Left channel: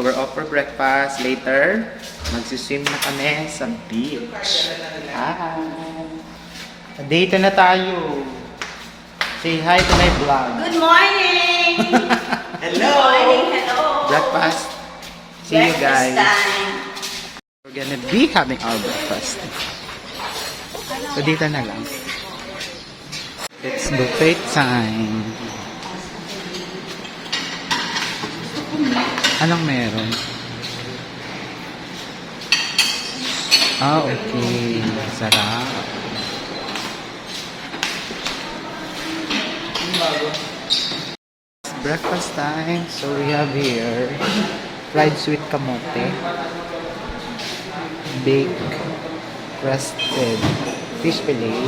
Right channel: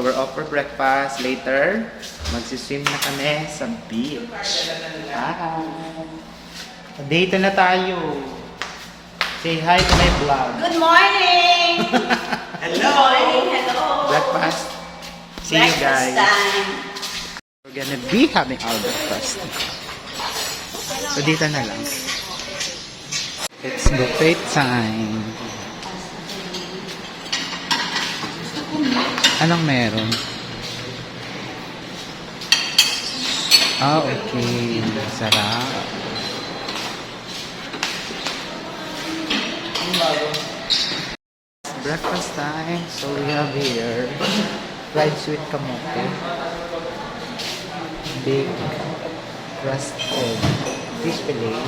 So we're off for breakfast. Later, magsiswim na kami sa beach. Hi! Dito na tayo. Say hi to my vlog. Good morning! Hello! Good morning, hello! Breakfast. See you guys. Time. We're gonna be having our breakfast. So dito na lang. It's buffet time. Anong meron? Ah, okay. Sarap. Breakfast time. So we have here fried sweet kamote, baked roasted fish fillet,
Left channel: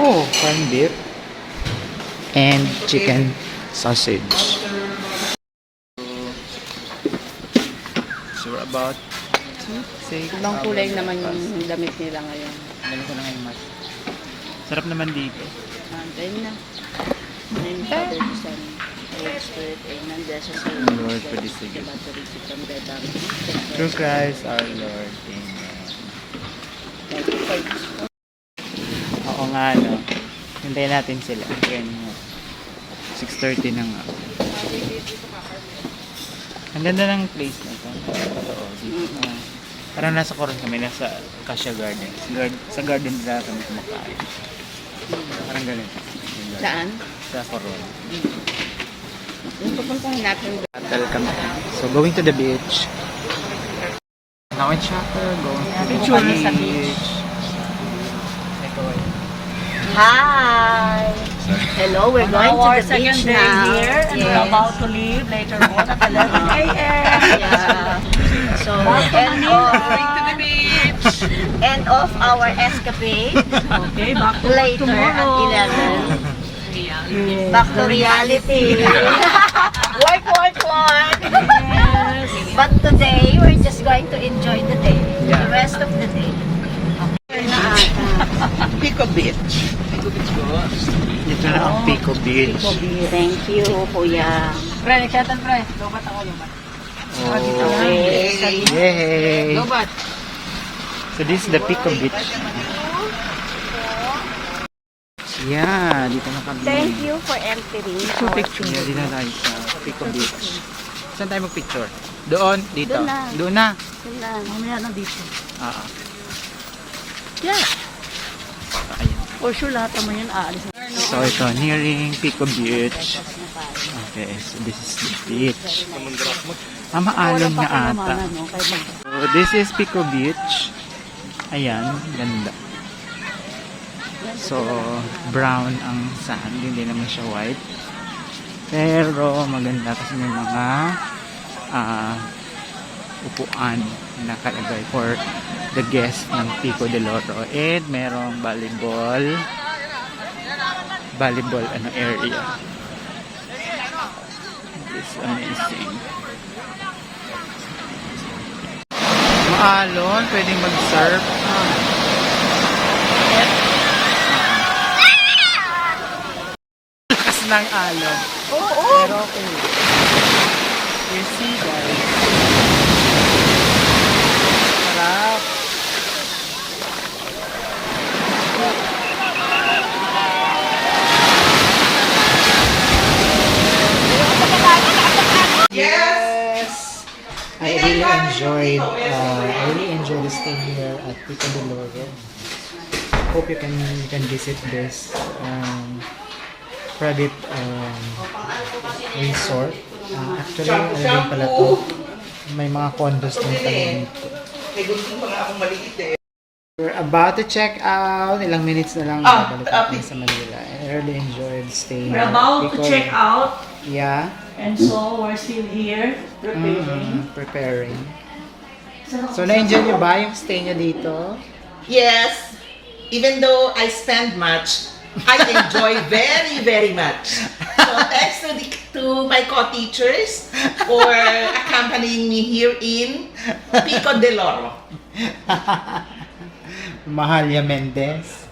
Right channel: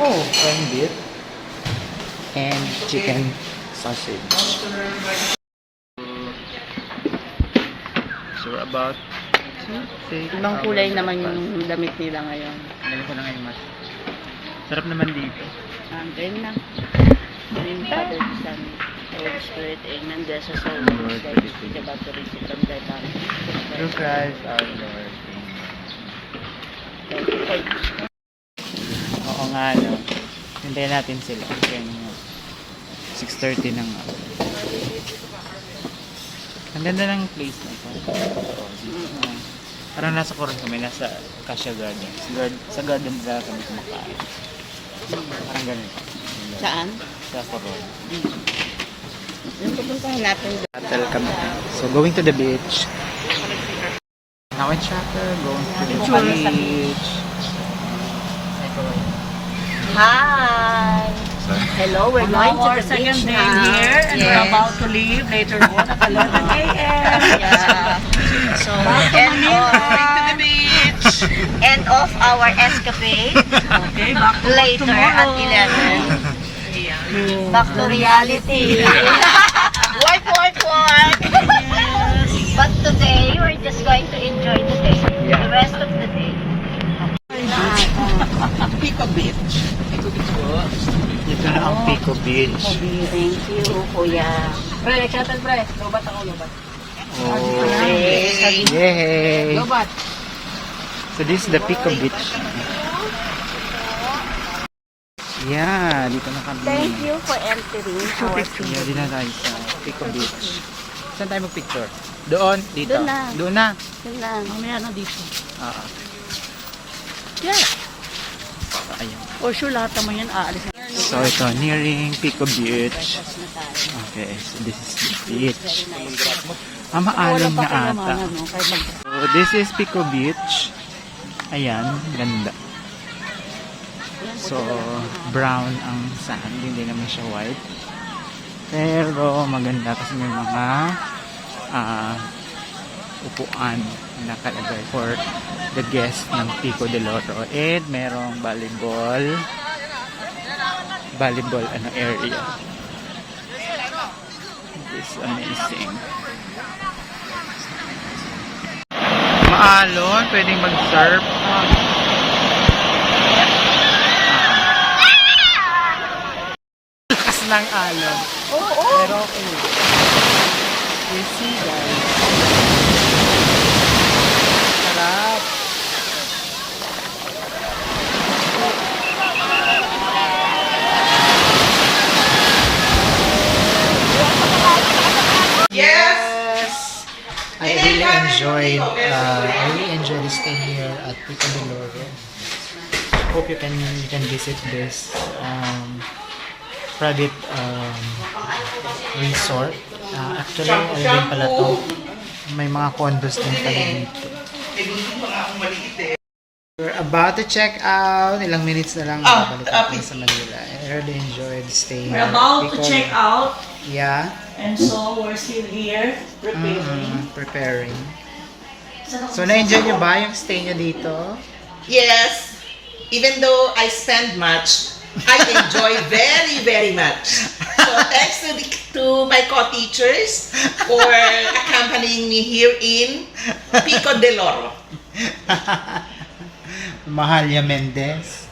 corned beef, and chicken sausage. So we're about to take Ibang kulay naman yung damit nila ngayon. Alam ko na ngayon, mas. Sarap naman dito. Then na. Then Father, Son, Holy Spirit, Amen. Bless us all. Lord, Guide us please to the back to reach from the back. Through Christ our Lord. Amen. Thank you for this. Oo nga, no. Hintayin natin sila. Kaya 6:30 na nga. Ang ganda ng place na ito. Parang nasa Coron kami, nasa Acacia Gardens. Sa garden nila kami kumakain. Parang ganun. Saan? Sa Coron. Yung pupuntahan natin. Shuttle kami. So going to the beach. Now in shuttle, going to the beach. Hi! Hello, we're going to the beach now. Here, and we're about to leave later on at 11 a.m. Yeah. So, end of our escapade. Okay, back to work Later at tomorrow. 11. Back to reality. Work. But today, we're just going to enjoy the day. Yeah. The rest of the day. Pico Beach. Dito na ang Pico Beach. Thank you, Kuya. Pre, nagshuttle pre. Lobat ako, lobat. Oh. Yay! So this is the Pico Beach. Yeah, dito na kami. Thank you for entering our Yeah, dito na tayo sa Pico Beach. Saan tayo mag-picture? Doon? Dito? Doon na. Doon na? Mamaya na dito. Ah. Yeah. So, ayan. For sure, lahat naman yan aalis. So ito, nearing Pico Beach. Okay, so this is the beach. Maalon nga ata. So this is Pico Beach. Ayan, ganda. So, brown ang sand, hindi naman siya white. Pero maganda kasi may mga upuan na nakalagay for the guest ng Pico del Oro. And merong volleyball area. This is amazing. Maalon, pwedeng mag-surf. Lakas ng alon. Pero okay. You see, guys. Sarap. Yes. I really enjoyed the stay here at Pico del Oro. Hope you can visit this private resort. Actually, ano din pala to? May mga condos din pala dito. We're about to check out. Ilang minutes na lang babalik natin sa Manila. I really enjoyed staying We're about to check out. Yeah. And so, we're still here, preparing. Preparing. So, na-enjoy nyo ba yung stay nyo dito? Yes, even though I spend much, I enjoy very, very much. So thanks to my co-teachers for accompanying me here in Pico del Oro. Mahalia Mendez.